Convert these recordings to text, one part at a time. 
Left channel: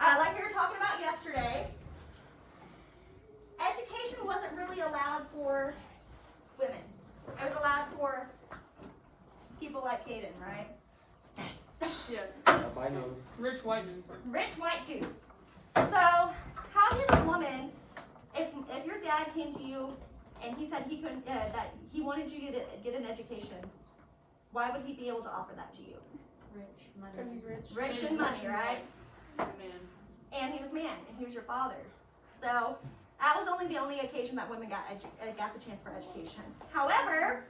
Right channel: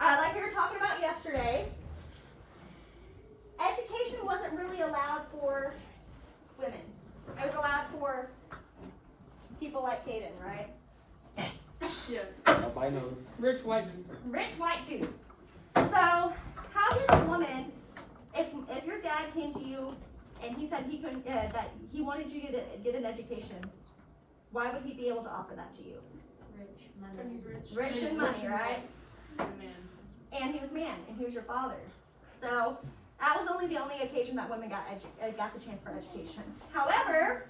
Like we were talking about yesterday, education wasn't really allowed for women. It was allowed for people like Caden, right? Yeah. I know. Rich white dudes. Rich white dudes. So, how did a woman, if your dad came to you and he said he couldn't, that he wanted you to get an education, why would he be able to offer that to you? Rich, money. He's rich. Rich and money, right? Man. And he was man, and he was your father. So, that was the only occasion that women got the chance for education. However,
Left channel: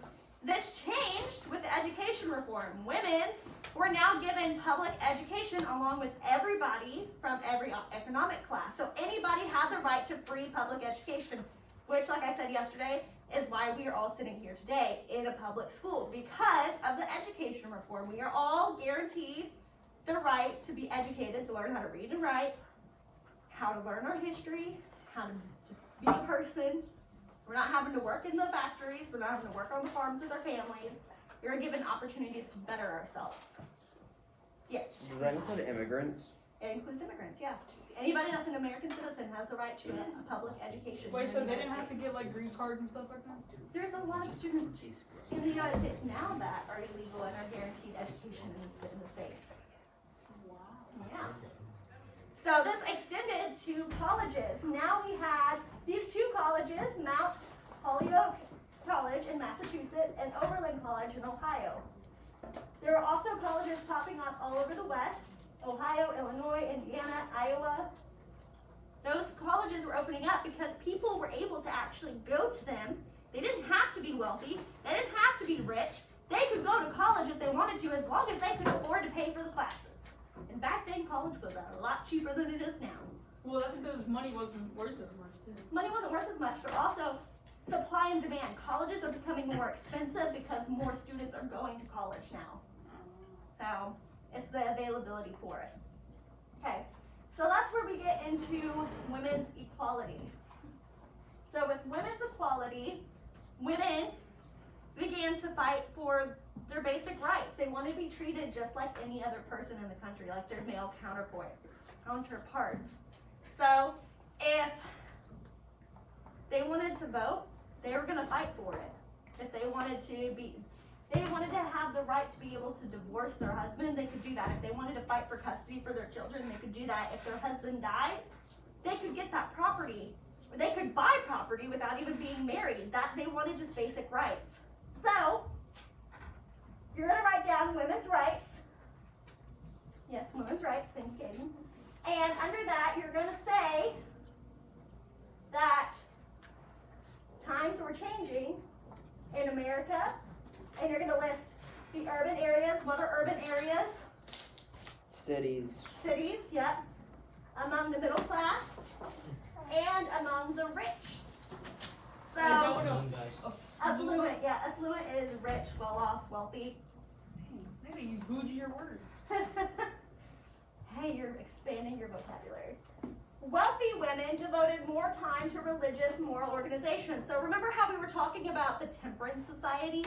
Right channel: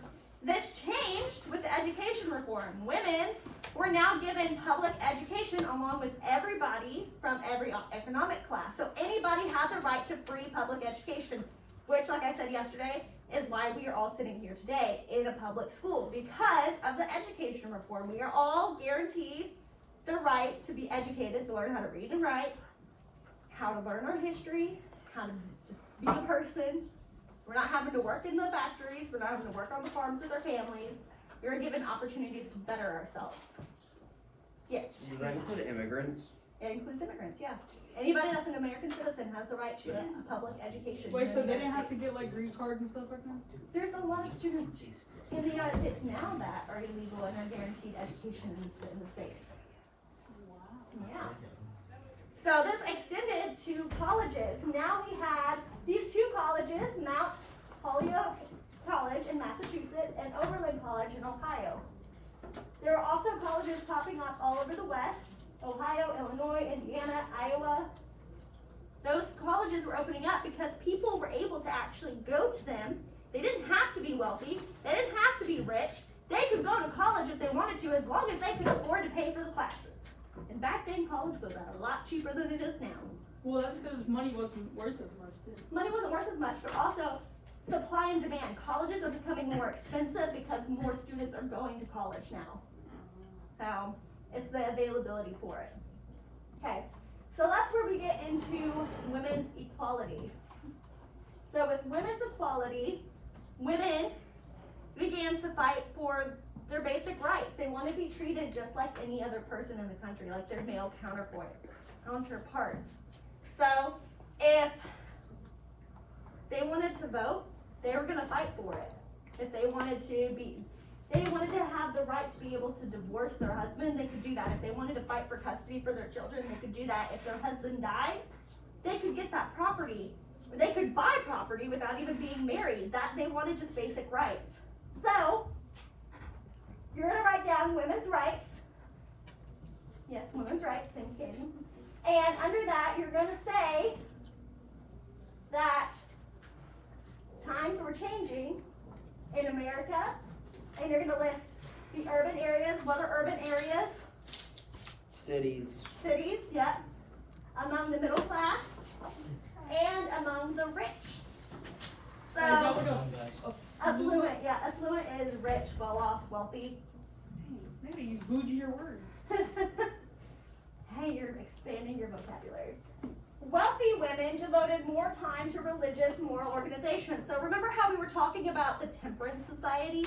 this changed with the education reform. Women were now given public education along with everybody from every economic class. So anybody had the right to free public education, which, like I said yesterday, is why we are all sitting here today in a public school. Because of the education reform, we are all guaranteed the right to be educated, to learn how to read and write, how to learn our history, how to just be a person. We're not having to work in the factories. We're not having to work on the farms with our families. We're given opportunities to better ourselves. Yes? Does that include immigrants? It includes immigrants, yeah. Anybody that's an American citizen has the right to a public education. Wait, here so in they the didn't United have to States. get like green cards and stuff like that? There's a lot of students in the United States now that are illegal and are guaranteed education in the States. Wow. Yeah. So this extended to colleges. Now we had these two colleges, Mount Holyoke College in Massachusetts and Oberlin College in Ohio. There are also colleges popping up all over the West: Ohio, Illinois, Indiana, Iowa. Those colleges were opening up because people were able to actually go to them. They didn't have to be wealthy. They didn't have to be rich. They could go to college if they wanted to, as long as they could afford to pay for the classes. And back then, college was a lot cheaper than it is now. Well, that's because money wasn't worth as much too. Money wasn't worth as much, but also supply and demand. Colleges are becoming more expensive because more students are going to college now. So it's the availability for it. Okay, so that's where we get into women's equality. So with women's equality, women began to fight for their basic rights. They want to be treated just like any other person in the country, like their male counterparts. So if they wanted to vote, they were going to fight for it. If they wanted to have the right to be able to divorce their husband, they could do that. If they wanted to fight for custody for their children, they could do that. If their husband died, they could get that property. They could buy property without even being married. That they wanted just basic rights. So you're going to write down women's rights. Yes, women's rights, thank you, Katie. And under that, you're going to say that times were changing in America, and you're going to list the urban areas. What are urban areas? Cities. Cities, yep. Among the middle class and among the rich. So, affluent, yeah, affluent is rich, well off, wealthy. Maybe you bougie your word. Hey, you're expanding your vocabulary. Wealthy women devoted more time to religious moral organization. So remember how we were talking about the Temperance Society?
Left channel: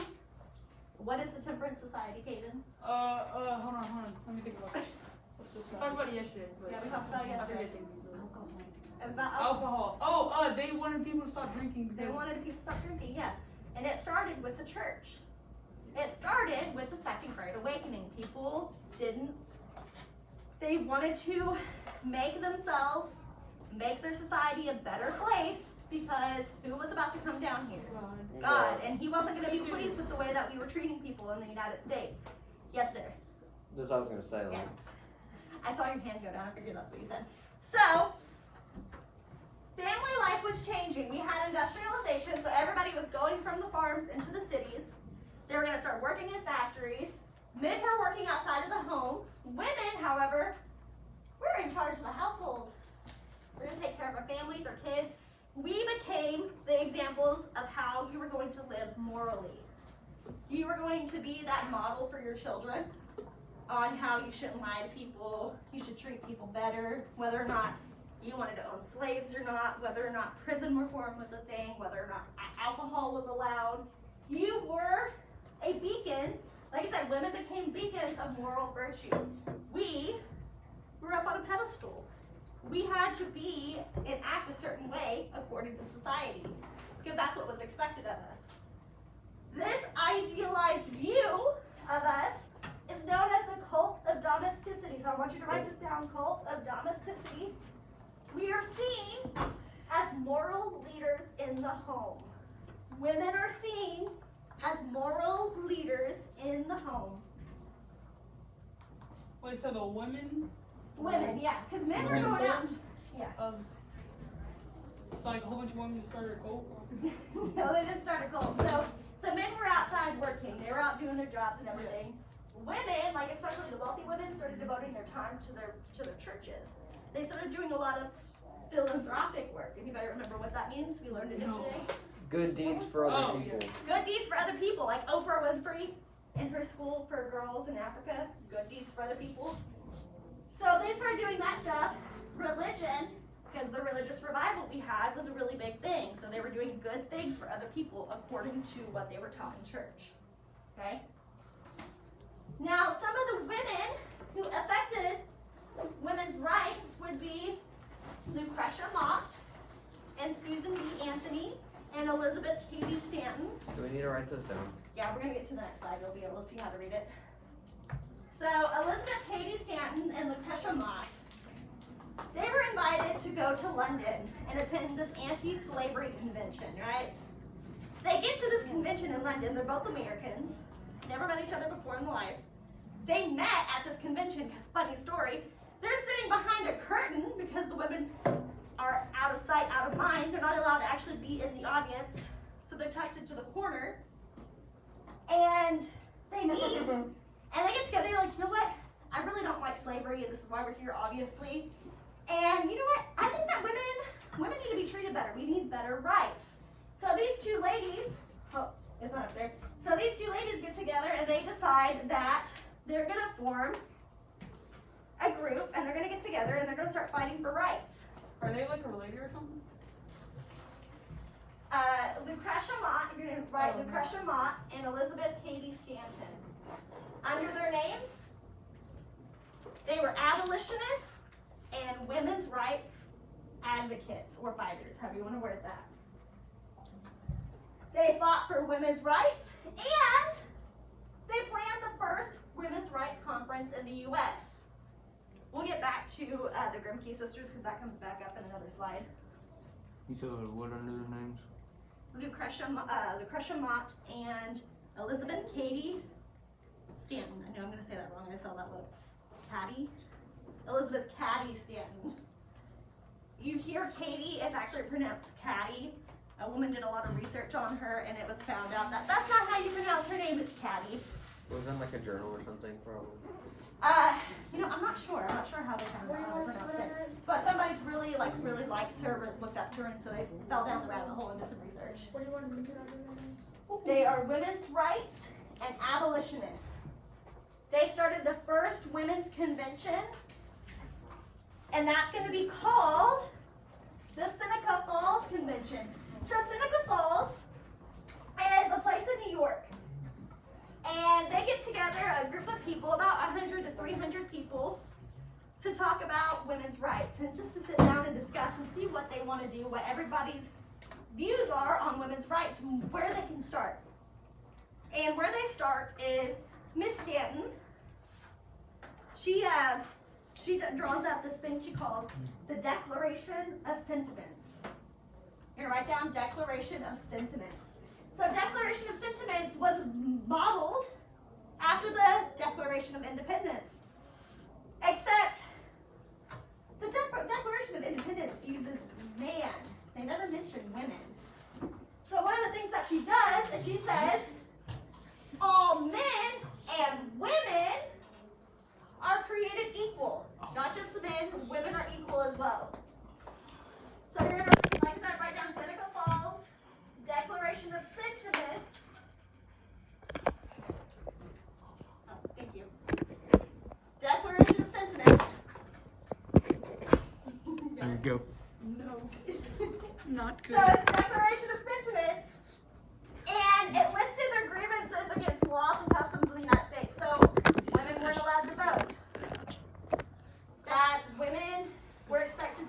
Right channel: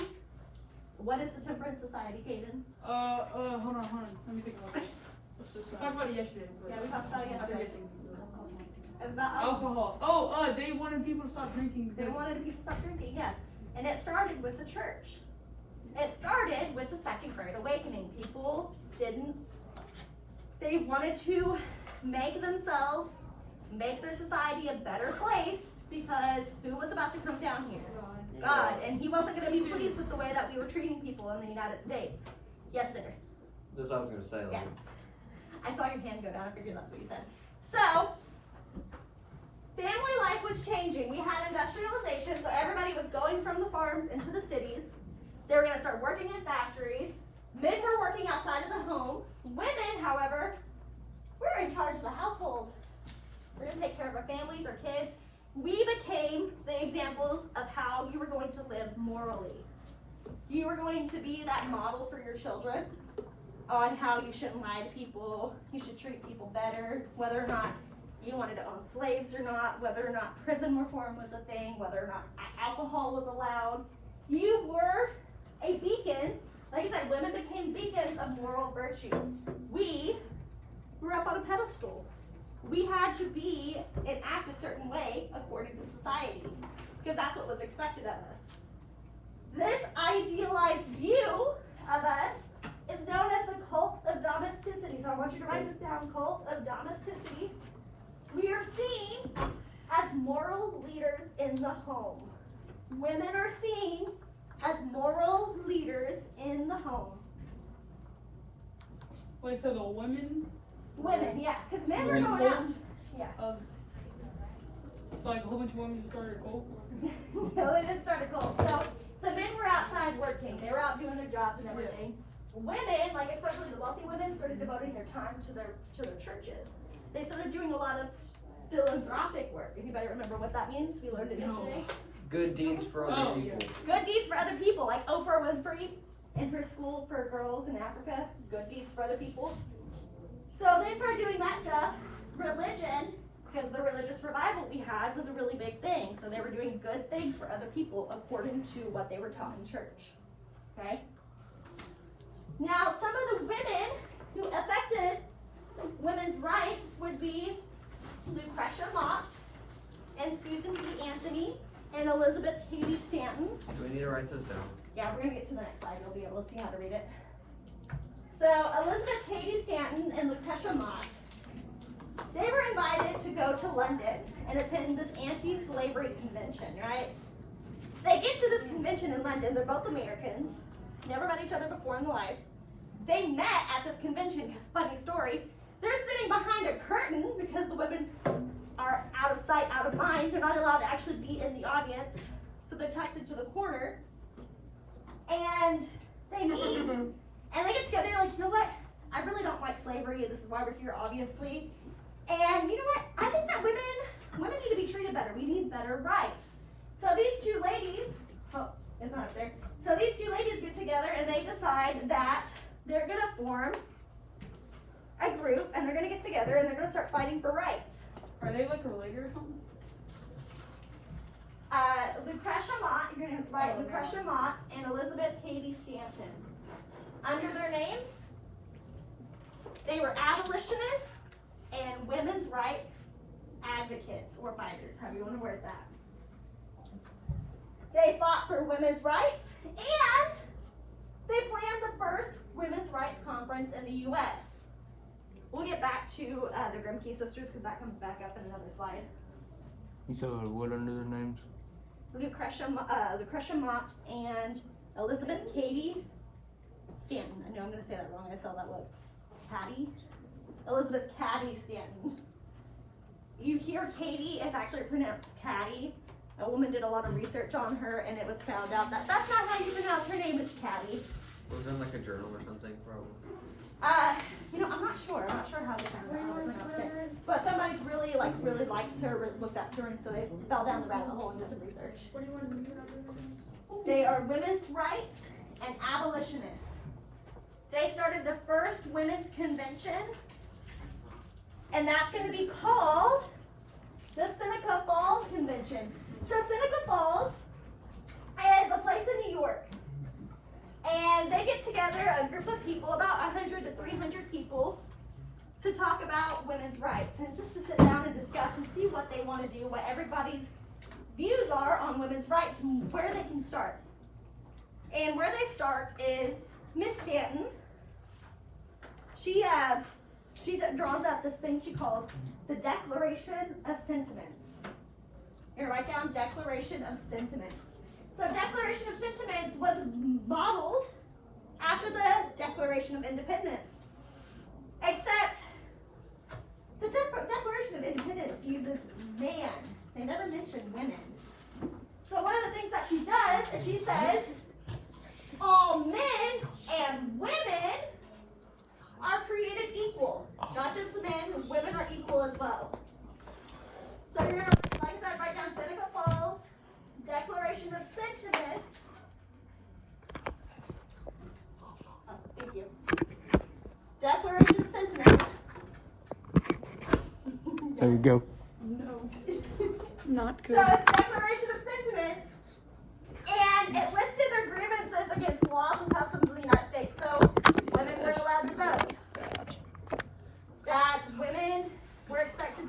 What is the Temperance Society, Kaden? Hold on. Let me think about that. We talked about it yesterday. Yeah, we talked about it yesterday. It was about Alcohol. Oh, they wanted people to stop drinking. They wanted people to stop drinking, yes. And it started with the church. It started with the Second Great Awakening. People they wanted to make themselves, make their society a better place, because who was about to come down here? God. And he wasn't going to be pleased with the way that we were treating people in the United States. Yes, sir. That's what I was going to say. Yeah. I saw your hand go down. I figured that's what you said. So, family life was changing. We had industrialization, so everybody was going from the farms into the cities. They were going to start working in factories. Men were working outside of the home. Women, however, we're in charge of the household. We're going to take care of our families, our kids. We became the examples of how you were going to live morally. You were going to be that model for your children on how you shouldn't lie to people, you should treat people better, whether or not you wanted to own slaves or not, whether or not prison reform was a thing, whether or not alcohol was allowed. You were a beacon. Like I said, women became beacons of moral virtue. We were up on a pedestal. we had to be and act a certain way according to society, because that's what was expected of us. This idealized view of us is known as the cult of domesticity. So I want you to write this down, cult of domesticity. We are seen as moral leaders in the home. Women are seen as moral leaders in the home. Wait, so the women? Women, yeah, because men were Women going out. cult? Yeah. It's like a whole bunch of women started a cult. No, they didn't start a cult. So the men were outside working. They were out doing their jobs and everything. Women, like especially the wealthy women, started devoting their time to their churches. They started doing a lot of philanthropic work. Anybody remember what that means? We learned it yesterday. Good deeds for other Oh, people. Good deeds for other people, like Oprah Winfrey in her school for girls in Africa. Good deeds for other people. So they started doing that stuff. Religion, because the religious revival we had was a really big thing. So they were doing good things for other people according to what they were taught in church. Okay? Now, some of the women who affected women's rights would be Lucretia Mott and Susan B. Anthony and Elizabeth Cady Stanton. Do we need to write those down? Yeah, we're gonna get to the next slide. You'll be able to see how to read it. So Elizabeth Cady Stanton and Lucretia Mott, they were invited to go to London and attend this anti-slavery convention, right? They get to this convention in London. They're both Americans, never met each other before in their life. They met at this convention because, funny story, they're sitting behind a curtain because the women are out of sight, out of mind. They're not allowed to actually be in the audience, so they're tucked into the corner. And they meet, and they get together. They're like, you know what? I really don't like slavery. This is why we're here, obviously. And you know what? I think that women need to be treated better. We need better rights. So these two ladies, oh, it's not up there. So these two ladies get together and they decide that they're gonna form a group and they're gonna get together and they're gonna start fighting for rights. Are they like a related or something? Lucretia Mott, you're gonna write Oh, Lucretia Mott and Elizabeth Cady Stanton. Under their names, they were abolitionists and women's rights advocates or fighters, however you want to word that. They fought for women's rights and they planned the first women's rights conference in the U.S. We'll get back to the Grimke sisters because that comes back up in another slide. You said what under their names? Lucretia Mott and Elizabeth Cady Stanton. I know I'm going to say that wrong. I saw that word. Cady? Elizabeth Cady Stanton. You hear Katie, it's actually pronounced Caddy. A woman did a lot of research on her and it was found out that that's not how you pronounce her name, it's Caddy. Was it like a journal or something, probably? I'm not sure. I'm not sure how they pronounced it. But somebody's really likes her, looks up to her, and so they fell down the rabbit hole and did some research. They are women's rights and abolitionists. They started the first women's convention, and that's going to be called the Seneca Falls Convention. So Seneca Falls is a place in New York. And they get together, a group of people, about 100 to 300 people, to talk about women's rights and just to sit down and discuss and see what they want to do, what everybody's views are on women's rights and where they can start. And where they start is Miss Stanton. She draws up this thing she calls the Declaration of Sentiments. You're gonna write down Declaration of Sentiments. So Declaration of Sentiments was modeled after the Declaration of Independence. Except the Declaration of Independence uses man. They never mention women. So one of the things that she does is she says all men and women are created equal. Not just the men, women are equal as well. So you're gonna, like I said, write down Seneca Falls, Declaration of Sentiments. Oh, thank you. Declaration of Sentiments. There we go. No. Not So it's Declaration of Sentiments, and it listed their grievances against laws and customs of the United States. So women weren't allowed to vote. That women were expected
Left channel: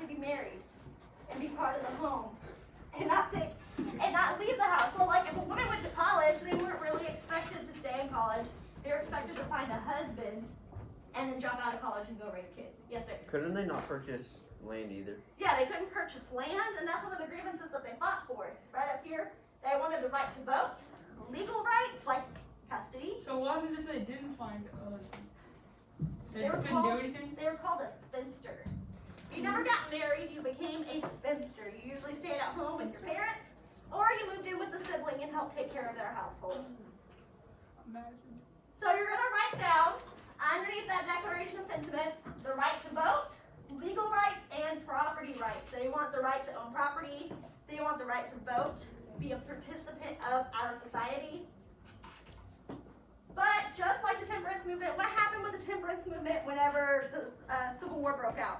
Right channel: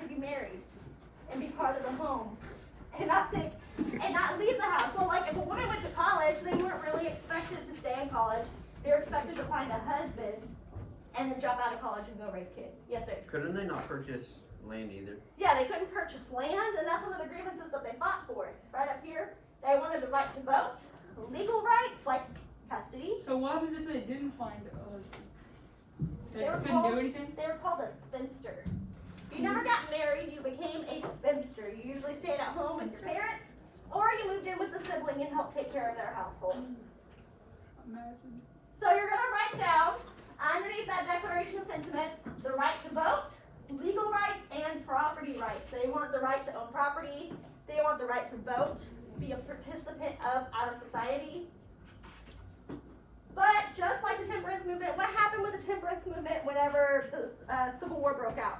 and not leave the house. So like if a woman went to college, they weren't really expected to stay in college. They were expected to find a husband and then jump out of college and go raise kids. Yes, sir. Couldn't they not purchase land either? Yeah, they couldn't purchase land, and that's one of the grievances that they fought for. Right up here, they wanted the right to vote, legal rights like custody. So what happens if they didn't find a husband? They They were couldn't called- do anything? They were called a spinster. If you never got married, you became a spinster. You usually stayed at home with your parents, or you moved in with a sibling and helped take care of their household. Imagine. So you're gonna write down, underneath that Declaration of Sentiments, the right to vote, legal rights, and property rights. They want the right to own property, they want the right to vote, be a participant of our society. But just like the temperance movement, what happened with the temperance movement whenever the Civil War broke out?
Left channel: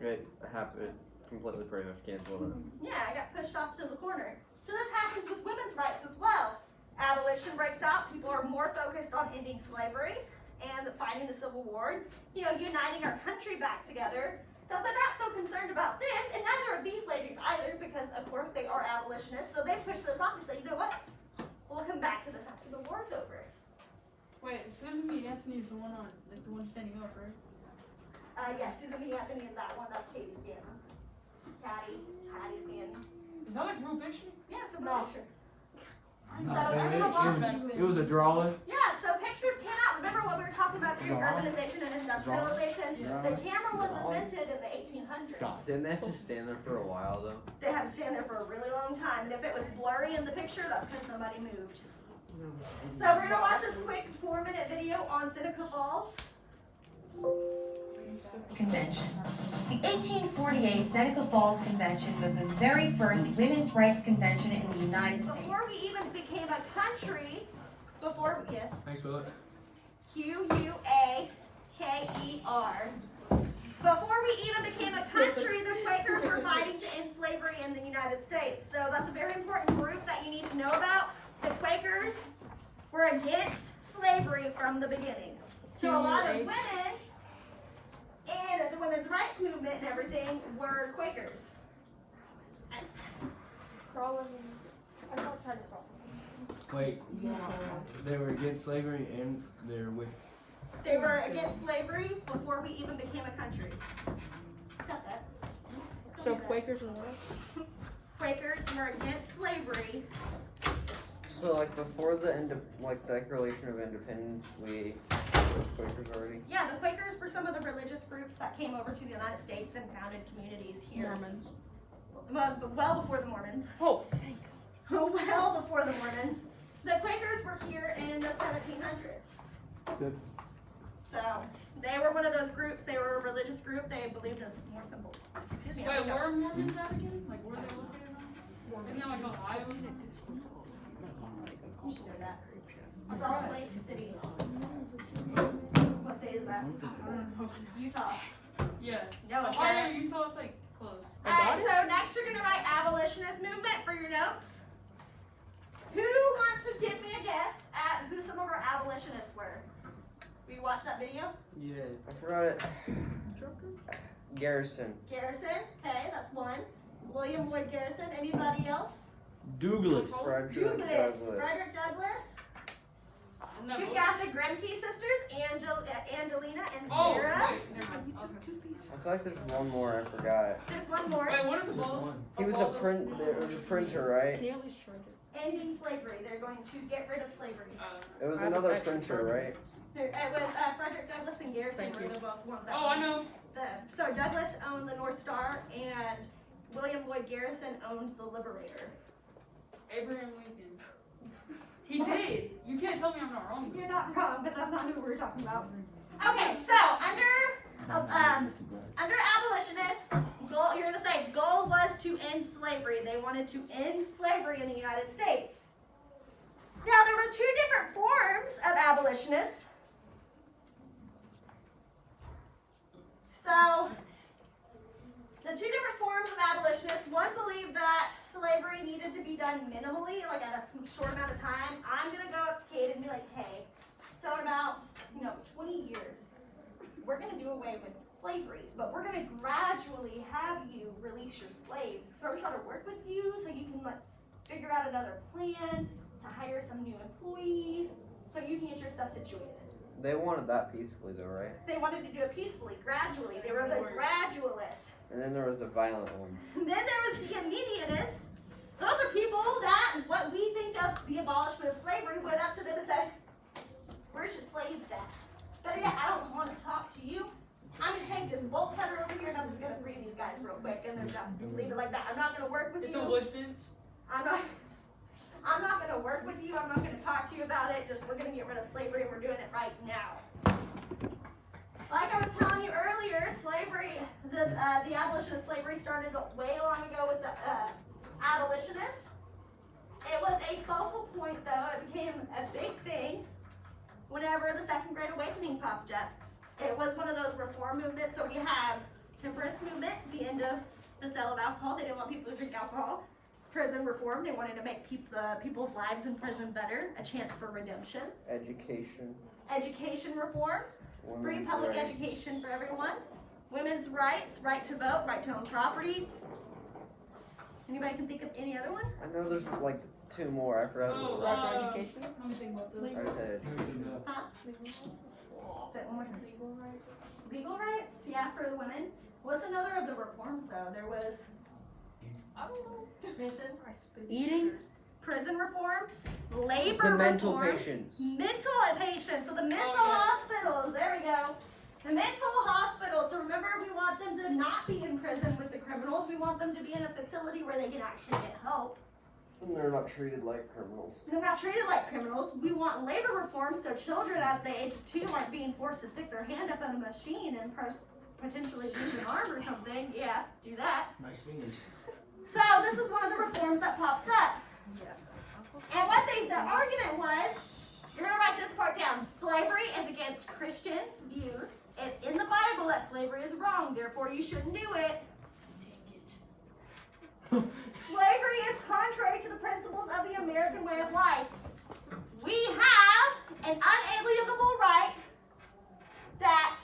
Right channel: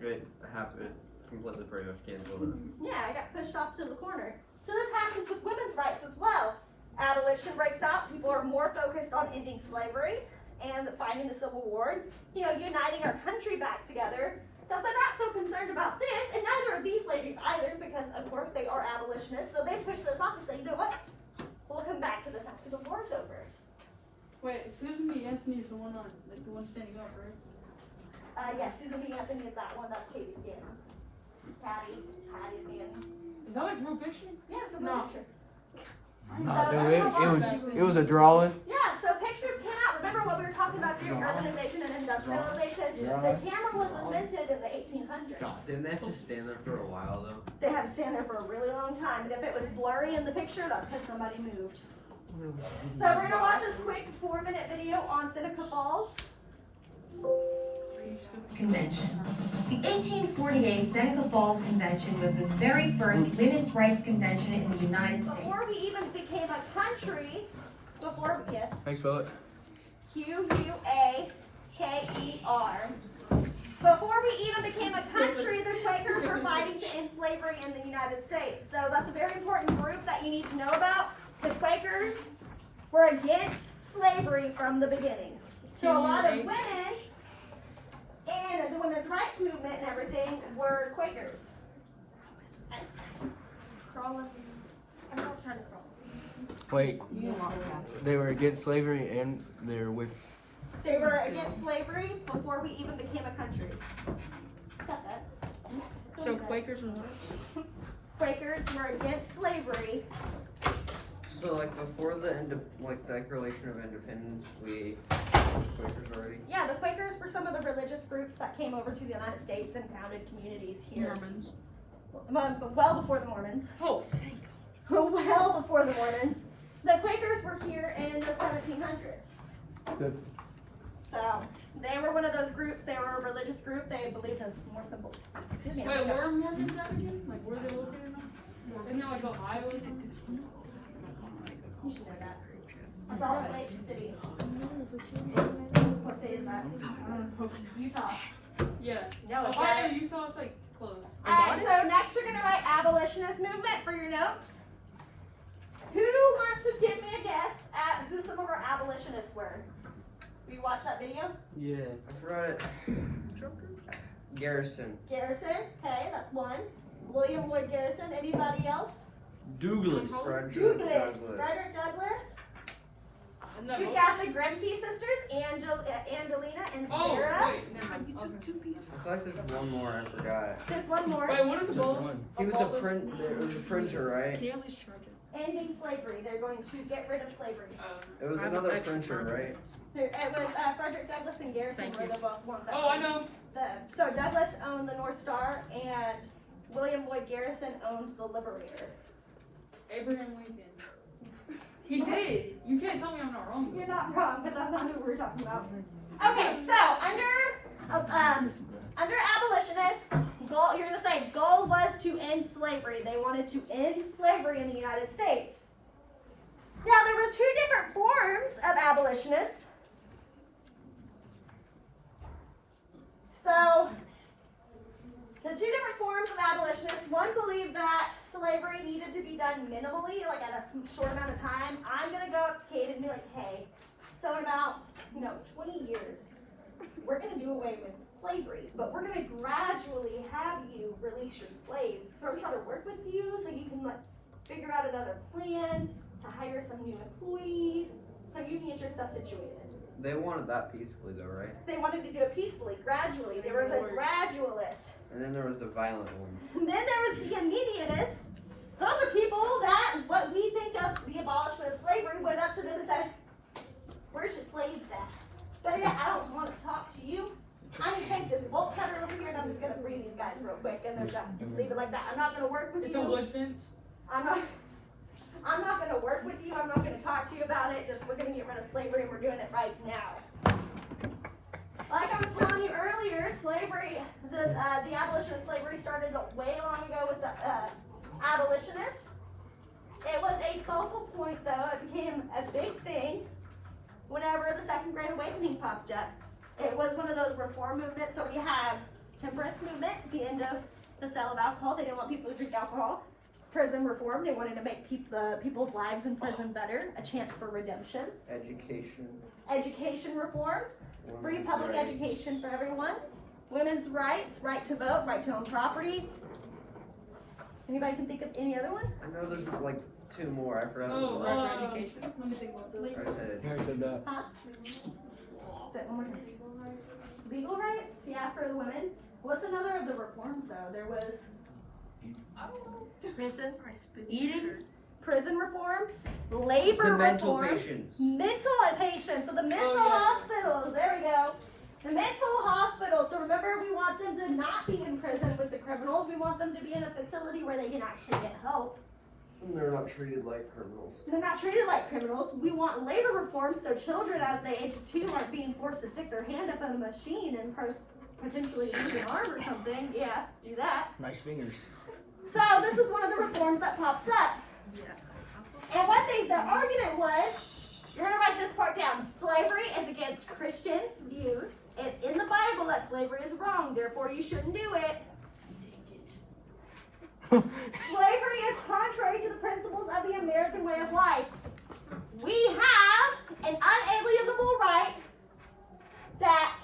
It happened completely pretty much canceled. Yeah, I got pushed off to the corner. So this happens with women's rights as well. Abolition breaks out, people are more focused on ending slavery and fighting the Civil War, uniting our country back together. So they're not so concerned about this, and neither of these ladies either, because of course they are abolitionists, so they push this off and say, you know what, we'll come back to this after the war's over. Wait, Susan B. Anthony is the one on, like the one standing up, right? Yes, Susan B. Anthony is that one, that's Katie Stanton. Patty Stanton. Is that like a real picture? Yeah, it's a real No. picture. No, So, it was a drawing. Yeah, so pictures cannot, remember what we were talking about during urbanization and industrialization? The camera was invented in the 1800s. Didn't they have to stand there for a while though? They had to stand there for a really long time, and if it was blurry in the picture, that's because somebody moved. So we're gonna watch this quick 4-minute video on Seneca Falls. Convention. The 1848 Seneca Falls Convention was the very first women's rights convention in the United States. Before we even became a country, yes, Thanks, Philip. Quaker. Before we even became a country, the Quakers were fighting to end slavery in the United States. So that's a very important group that you need to know about. The Quakers were against slavery from the beginning. So a lot of women in the women's rights movement and everything were Quakers. Crawling. I'm not trying to crawl. Wait, they were against slavery and they're with. They were against slavery before we even became a country. Got that? So Quakers and what? Quakers were against slavery. So like before the end of like the Declaration of Independence, we was Quakers already. Yeah, the Quakers were some of the religious groups that came over to the United States and founded communities here. Mormons. Well before the Mormons. Oh, Well before the Mormons. The Quakers were here in the 1700s. Good. So, they were one of those groups, they were a religious group, they believed in more simple. Excuse me. I wait, think where that's- are Mormons at again? Like where are they located now? Isn't that like Ohio or something? You should know that. Salt Lake City. What state is that? I don't know. Utah. Yeah. No, it's Ohio, not. Utah, it's like close. Alright, so next you're gonna write abolitionist movement for your notes. Who wants to give me a guess at who some of our abolitionists were? Will you watch that video? Yeah. I forgot it. Garrison. Garrison, okay, that's one. William Lloyd Garrison, anybody else? Douglas. Frederick Douglas, Douglass. Frederick Douglass. Isn't that We've both? got the Grimke sisters, Angelina and Oh, Sarah. wait, never mind. Okay. I feel like there's one more I forgot. There's one more. Wait, what is a bowl? He was a printer, right? Can you at least charge it? Ending slavery. They're going to get rid of slavery. It was another printer, right? It was Frederick Douglass and Garrison were the both ones that Oh, I know. So Douglas owned the North Star and William Lloyd Garrison owned the Liberator. Abraham Lincoln. He did. You can't tell me I'm not wrong. You're not wrong, but that's not who we're talking about. Okay, so under abolitionists, goal, you're gonna say goal was to end slavery. They wanted to end slavery in the United States. Now there were two different forms of abolitionists. So the two different forms of abolitionists, one believed that slavery needed to be done minimally, like at a short amount of time. I'm gonna go up to Kate and be like, hey, so in about 20 years, we're gonna do away with slavery, but we're gonna gradually have you release your slaves. So we're trying to work with you so you can like figure out another plan to hire some new employees so you can get your stuff situated. They wanted that peacefully though, right? They wanted to do it peacefully, gradually. They were the gradualists. And then there was the violent one. And then there was the immediatists. Those are people that, what we think of the abolishment of slavery, went up to them and said, where's your slaves at? Better yet, I don't want to talk to you. I'm gonna take this bolt cutter over here and I'm just gonna free these guys real quick and they're done. Leave it like that. I'm not gonna work with It's a you. wood fence. I'm not gonna work with you. I'm not gonna talk to you about it. Just we're gonna get rid of slavery and we're doing it right now. Like I was telling you earlier, slavery, the abolition of slavery started way long ago with the abolitionists. It was a focal point though. It became a big thing whenever the Second Great Awakening popped up. It was one of those reform movements. So we have temperance movement, the end of the sale of alcohol. They didn't want people to drink alcohol. Prison reform, they wanted to make people's lives in prison better, a chance for redemption. Education. Education reform, free women's public rights. education for everyone. Women's rights, right to vote, right to own property. Anybody can think of any other one? I know there's like two more. I forgot. Oh, what let me think about those. I said. Huh? Say it one more time. Legal rights, yeah, for the women. What's another of the reforms though? There was prison reform, labor The mental reform, patients. mental patients. So the mental yeah. hospitals. There we go. The mental hospitals. So remember, we want them to not be in prison with the criminals. We want them to be in a facility where they can actually get help. They're not treated like criminals. They're not treated like criminals. We want labor reform so children at the age of 2 aren't being forced to stick their hand up on a machine and potentially lose an arm or something. Yeah, do that. Nice fingers. So this was one of the reforms that pops up. And what the argument was, you're gonna write this part down. Slavery is against Christian views. It's in the Bible that slavery is wrong, therefore you shouldn't do it. Slavery is contrary to the principles of the American way of life. We have an unalienable right that,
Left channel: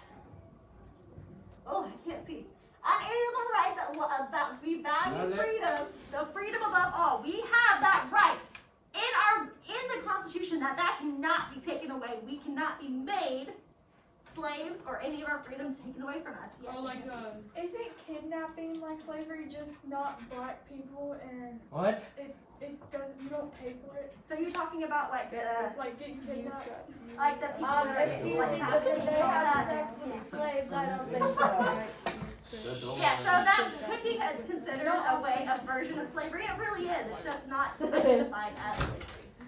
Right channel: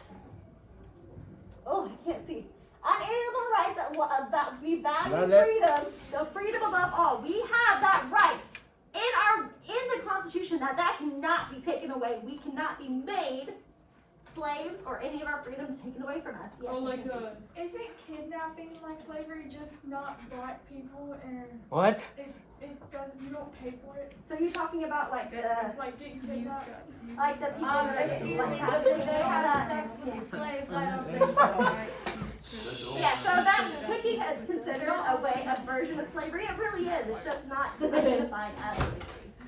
oh, I can't see. Unalienable right that we value freedom, so freedom above all. We have that right in the Constitution that cannot be taken away. We cannot be made slaves or any of our freedoms taken away from us. Yes, Oh, like Isn't kidnapping like slavery just not black people and What? it doesn't, you don't pay for it? so you're talking about like the Like getting kidnapped? like the people that are getting like trafficked and all that. Slaves, I don't think so. Yeah, so that could be considered a version of slavery. It really is. It's just not identified as slavery.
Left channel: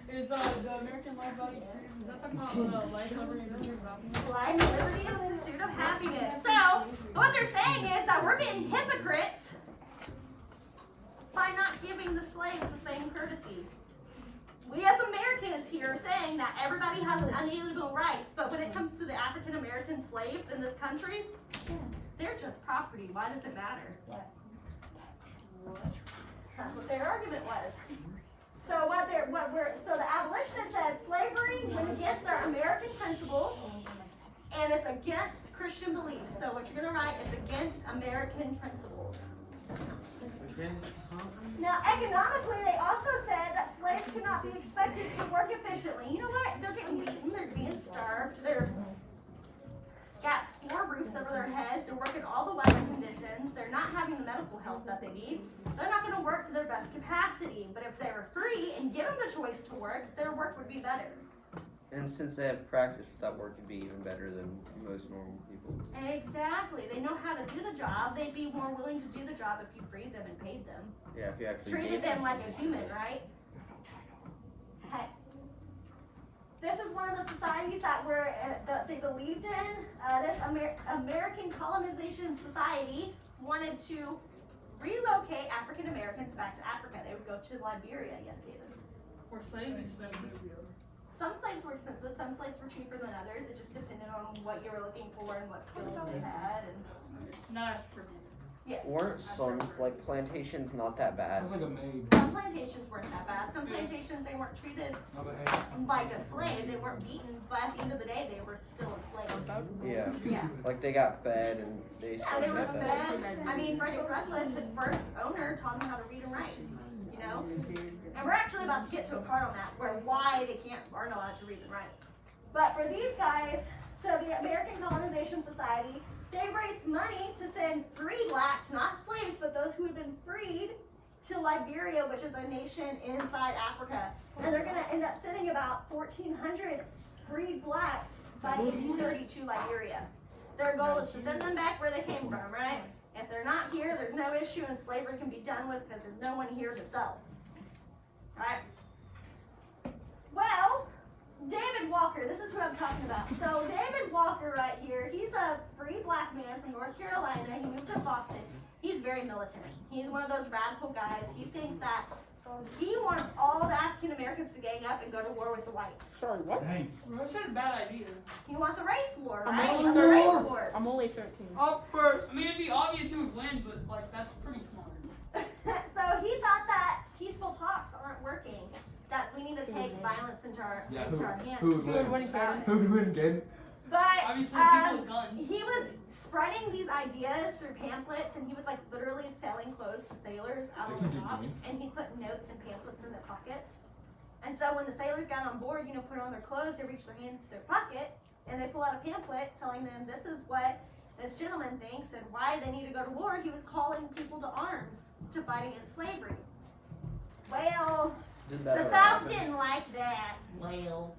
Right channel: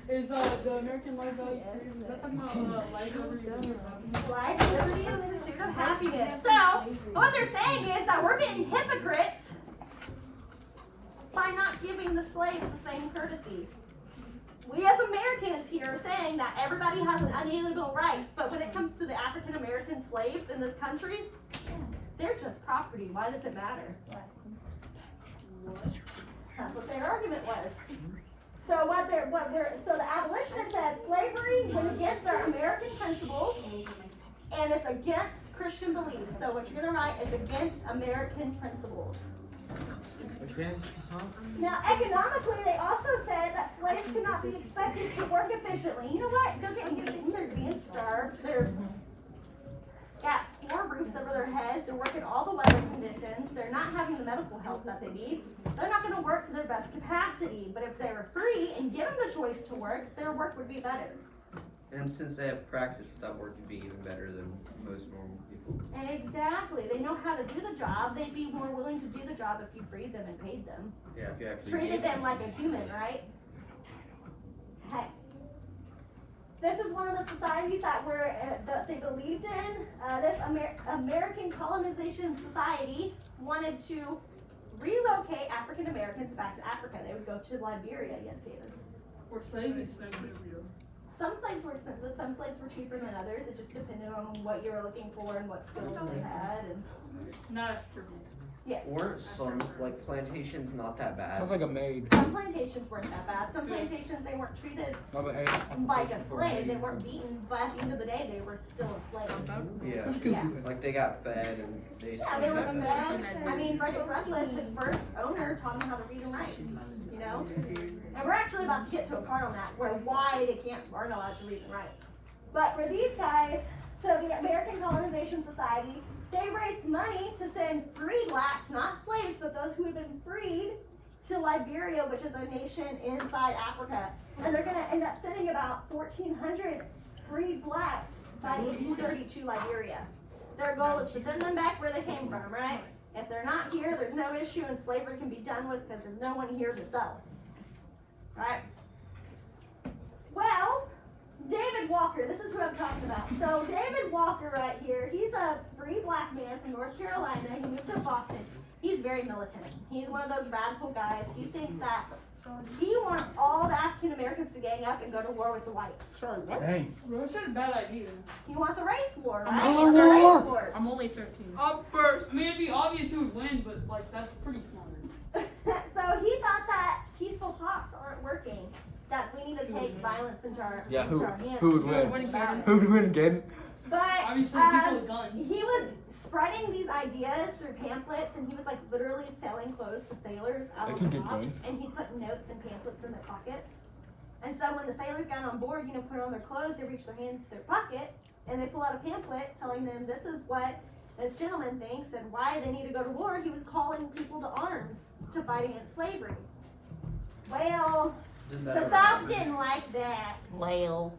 is the American Life Value Freedom, is that talking about life, liberty, and pursuit of happiness? Life, liberty, and the pursuit of happiness. So, what they're saying is that we're being hypocrites by not giving the slaves the same courtesy. We as Americans here are saying that everybody has an unalienable right, but when it comes to the African American slaves in this country, they're just property. Why does it matter? That's what their argument was. So so the abolitionist said slavery went against our American principles and it's against Christian beliefs. So what you're gonna write is against American principles. Now economically, they also said that slaves could not be expected to work efficiently. You know what? They're getting beaten, they're being starved, they're got poor roofs over their heads, they're working all the weather conditions, they're not having the medical help that they need. They're not going to work to their best capacity, but if they were free and given the choice to work, their work would be better. And since they have practice, that work would be even better than most normal people. Exactly. They know how to do the job. They'd be more willing to do the job if you freed them and paid them. Yeah, if you actually Treated them like a human, right? Okay. This is one of the societies that that they believed in. This American Colonization Society wanted to relocate African Americans back to Africa. They would go to Liberia. Yes, Caitlin. Were slaves expensive? Some slaves were expensive, some slaves were cheaper than others. It just depended on what you were looking for and what skills they had. And Not African. Yes. weren't some like plantations not that bad? Sounds like a maid. Some plantations weren't that bad. Some plantations, they weren't treated like a slave. They weren't beaten, but at the end of the day, they were still a slave. Yeah. Yeah. Like they got fed and they. Yeah, they were fed. I mean, Frederick Douglass, his first owner, taught him how to read and write. You know, and we're actually about to get to a part on that where why they aren't allowed to read and write. But for these guys, so the American Colonization Society, they raised money to send free blacks, not slaves, but those who had been freed, to Liberia, which is a nation inside Africa. And they're going to end up sending about 1,400 freed blacks by 1832 Liberia. Their goal is to send them back where they came from, right? If they're not here, there's no issue and slavery can be done with because there's no one here to sell. Right? Well, David Walker, this is who I'm talking about. So David Walker right here, he's a free black man from North Carolina. He moved to Boston. He's very militant. He's one of those radical guys. He thinks that he wants all the African Americans to gang up and go to war with the whites. Hey. That's not a bad idea. He wants a race war, right? I'm He wants a race war. war. I'm only 13. Up first. I mean, it'd be obvious who would win, but like that's pretty smart. So he thought that peaceful talks aren't working. That we need to take violence into our Yeah, into our hands. who would to do win? something about it. Who would win again? But Obviously, people with guns. he was spreading these ideas through pamphlets, and he was like literally selling clothes to sailors out I on can the do docks, coins. and he put notes and pamphlets in their pockets. And so when the sailors got on board, you know, put on their clothes, they reach their hand to their pocket, and they pull out a pamphlet telling them this is what this gentleman thinks and why they need to go to war. He was calling people to arms to fight against slavery. Well, the South didn't like that. Well.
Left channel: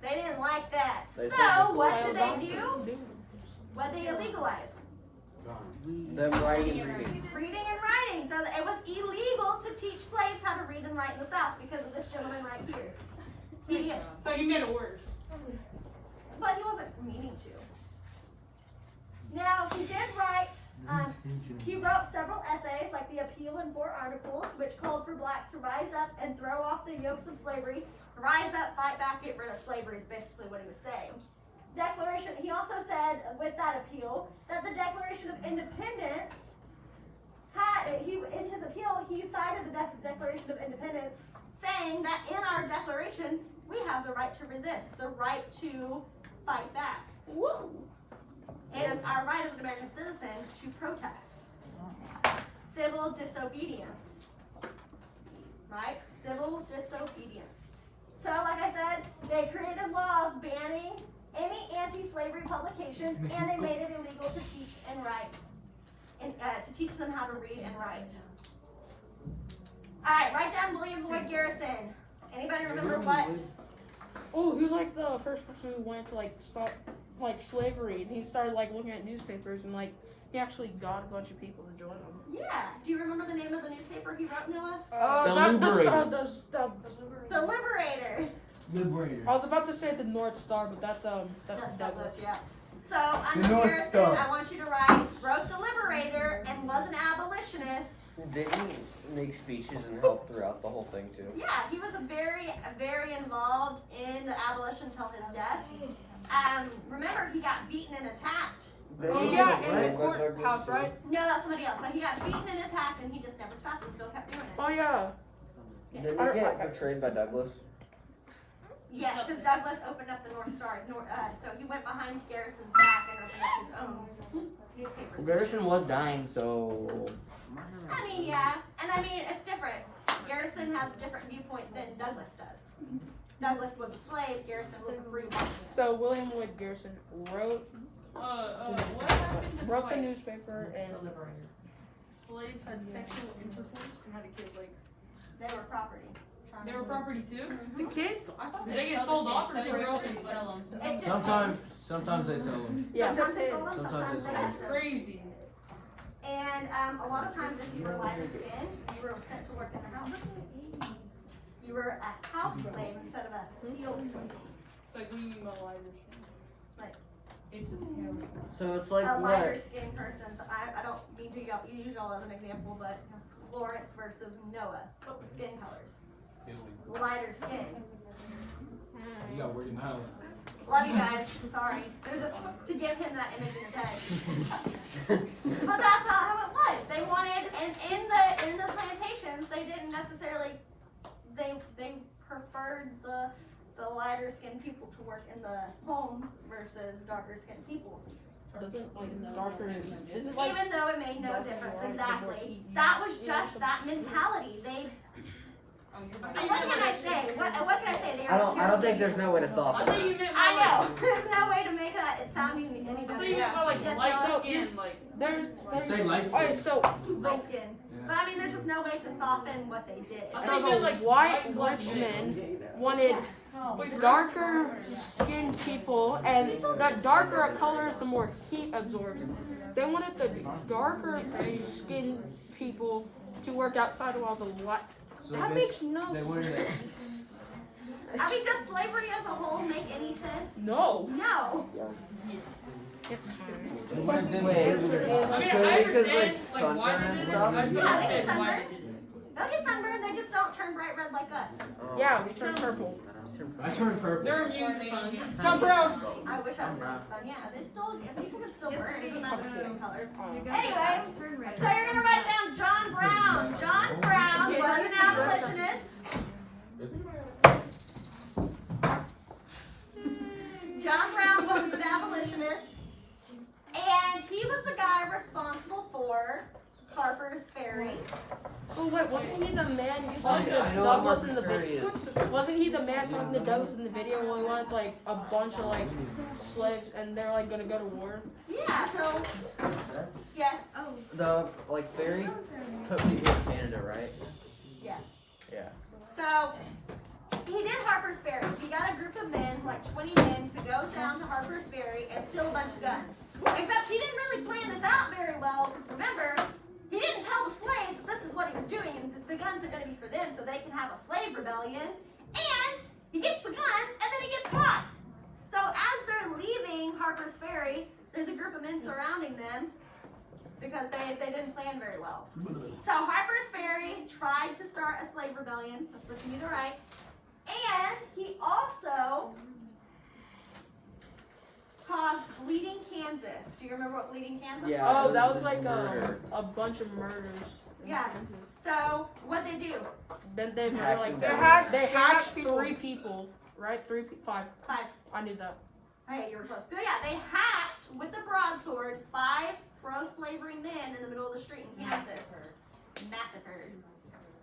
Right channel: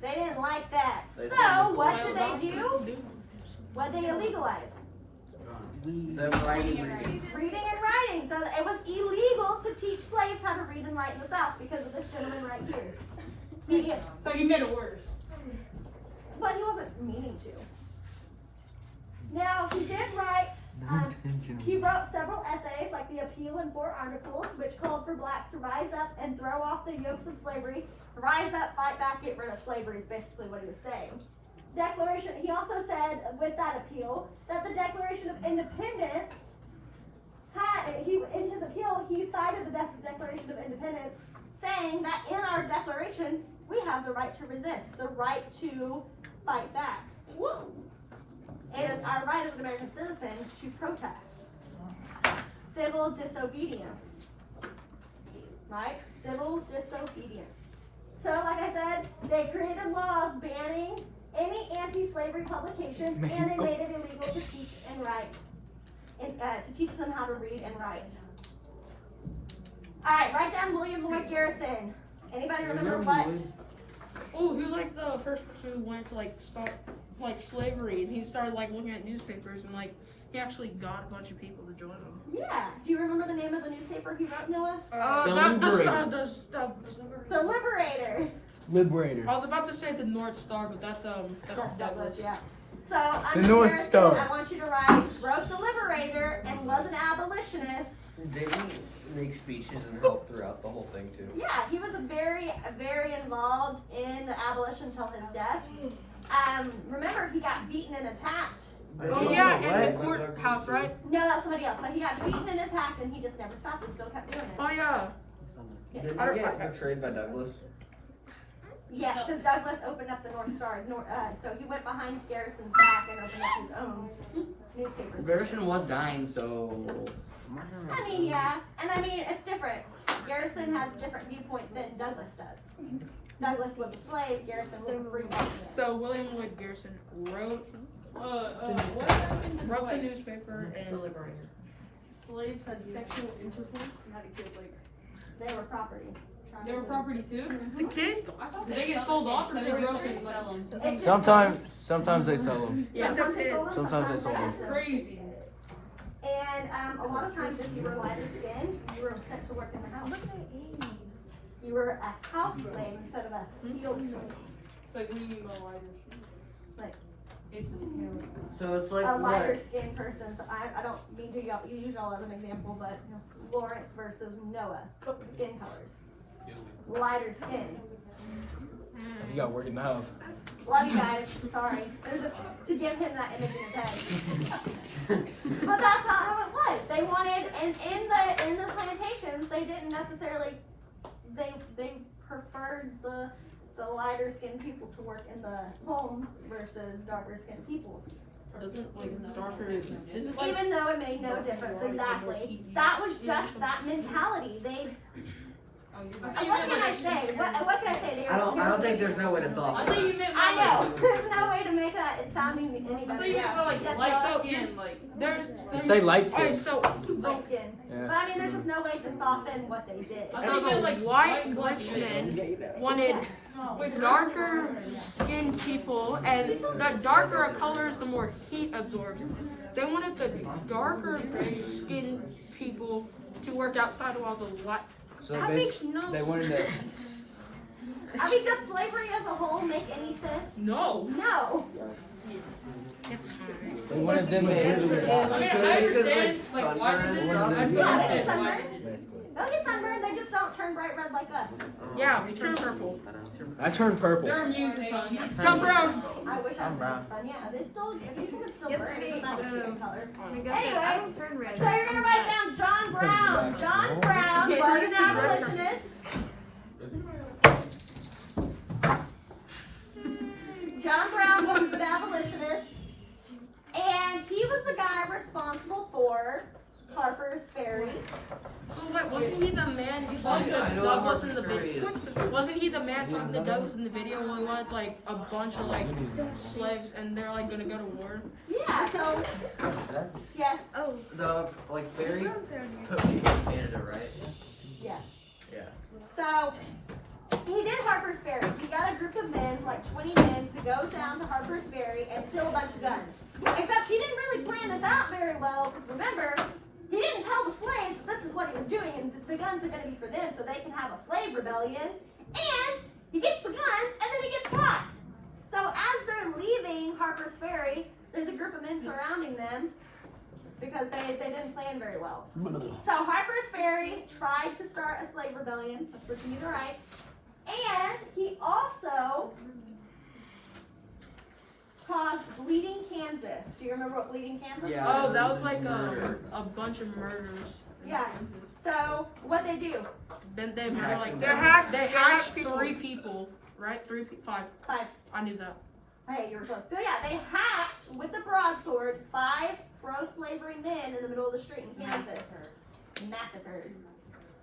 They didn't like that. They So didn't. what did they do? What did they illegalize? Them writing and reading. Reading and writing. So it was illegal to teach slaves how to read and write in the South because of this gentleman right here. He, So you made it worse. but he wasn't meaning to. Now he did write. He wrote several essays, like the Appeal and 4 Articles, which called for blacks to rise up and throw off the yokes of slavery. Rise up, fight back, get rid of slavery is basically what he was saying. Declaration. He also said with that appeal that the Declaration of Independence in his appeal he cited the Declaration of Independence, saying that in our declaration we have the right to resist, the right to fight back. It is our right as an American citizen to protest. Civil disobedience. Right? Civil disobedience. So, like I said, they created laws banning any anti-slavery publications, and they made it illegal to teach and write, and to teach them how to read and write. All right, write down William Lloyd Garrison. Anybody remember what? Oh, he was like the first person who went to like start like slavery, and he started like looking at newspapers, and like he actually got a bunch of people to join him. Yeah. Do you remember the name of the newspaper he wrote, Noah? The Liberator. The Liberator. Liberator. I was about to say the North Star, but that's Douglas, yeah. So, under North Garrison, Star. I want you to write, wrote the Liberator and was an abolitionist. Did he make speeches and help throughout the whole thing too? Yeah, he was very involved in the abolition until his death. Remember, he got beaten and attacked. Oh yeah, and the courthouse, right? No, that's somebody else, but he got beaten and attacked and he just never stopped and still kept doing it. Oh yeah. Yes, Did he get betrayed by Douglas? yes, because Douglas opened up the North Star, so he went behind Garrison's back and opened up his own newspaper station. Garrison was dying, so I mean, yeah, and I mean, it's different. Garrison has a different viewpoint than Douglas does. Douglas was a slave, Garrison was a free man. So William Lloyd Garrison wrote What happened if the like newspaper and slaves had sexual intercourse and had a kid? Like They were property. they were property too. the kids. Did they get sold off or did they grow up and sell them. It Sometimes they sell them. Sometimes they sold them, Sometimes sometimes they they sold left them. crazy. And a lot of times, if you were lighter skinned, you were sent to work in the house. You were a house slave instead of a field slave. It's like what do you mean by lighter? So it's like A lighter what? skinned person. So I don't mean to use y'all as an example, but Lawrence versus Noah, skin colors. Lighter skin. You got work in the house. Love you guys. Sorry. It was just to give him that image in his head. But that's how in the plantations, they didn't necessarily, they preferred the lighter skinned people to work in the homes versus darker skinned people. Doesn't like darker isn't like Even though it made no difference, exactly. That was just that mentality. What can I say? What can I say? They were I don't think terrible there's no way to solve I it. thought you meant I more know. like- There's no way to make that it sounding any I thought better. you meant more like Yes, light no, skin, like. there's Say light Alright, skin. so light skin. Yeah. But I mean, there's just no way to soften what they did. I thought you meant like white black Richmond wanted Wait, darker skinned people, and the darker a color is, the more heat absorbs. They wanted the darker skinned people to work outside of all the light. So That makes no they wanted to. I mean, does slavery as a whole make any sense? No. No. They wanted them to brutally die. I mean, So I because, understand, like, like, why sunburn- they just, Yeah, I they understand get why sunburned. they did it. They'll get sunburned, they just don't turn bright red like us. Yeah, they turn purple. I turned purple. They're immune to sun. Jump around. I wish I was the sun. Yeah, they still, people can still burn, it doesn't matter the skin color. Anyway, so you're gonna write down John Brown. John Brown was an abolitionist. John Brown was an abolitionist, and he was the guy responsible for Harper's Ferry. Oh, wait, wasn't he the man talking to I know what Douglas in the Harper's Ferry video? Wasn't he the man talking to Douglas in the video when he wanted like a bunch of like slaves and they're like gonna go to war? Yeah, so, yes, The like very put me in Canada, right? Yeah. Yeah. so he did Harper's Ferry. He got a group of men, like 20 men, to go down to Harper's Ferry and steal a bunch of guns. Except he didn't really plan this out very well, because remember, he didn't tell the slaves that this is what he was doing, and the guns are going to be for them so they can have a slave rebellion. And he gets the guns, and then he gets caught. So as they're leaving Harper's Ferry, there's a group of men surrounding them because they didn't plan very well. So Harper's Ferry tried to start a slave rebellion. That's what you need to write. And he also caused Bleeding Kansas. Do you remember what Bleeding Kansas Yeah. Oh, was? that was like Murder. a bunch of murders. Yeah. So what they do? Then they Hacked like them. they hacked 3 people, right? 5. 5. I knew that. Hey, you were close. So yeah, they hacked with the broadsword 5 pro-slavery men in the middle of the street in Kansas. Massacred.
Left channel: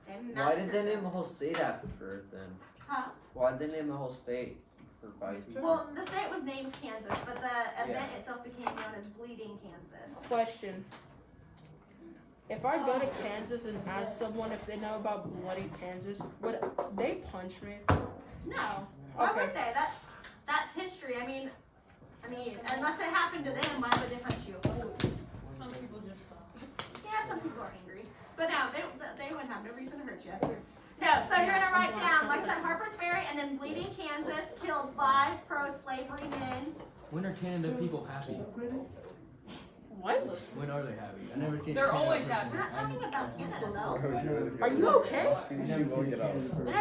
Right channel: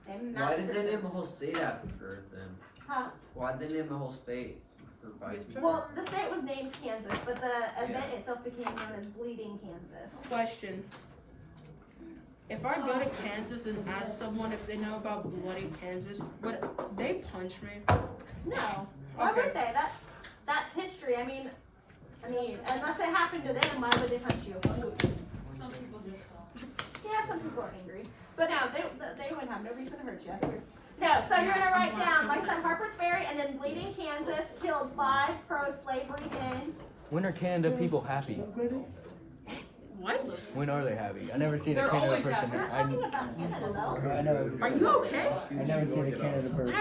They Why did massacred they name them. the whole state after them? Huh? Why did they name the whole state for 5 people? Well, the state was named Kansas, but the event itself became known as Bleeding Kansas. Question. If I go to Kansas and ask someone if they know about bloody Kansas, would they punch me? No. Why Okay. would they? That's history. I mean, unless it happened to them, why would they punch you? Some people just talk. Yeah, some people are angry. But no, they wouldn't have no reason to hurt you. No, so you're gonna write down, like I said, Harper's Ferry, and then Bleeding Kansas killed 5 pro-slavery men. When are Canada people happy? What? When are they happy? I never seen They're a Canada always person. happy. We're not talking about Canada though. I never. Are you okay? I never seen a Canada person.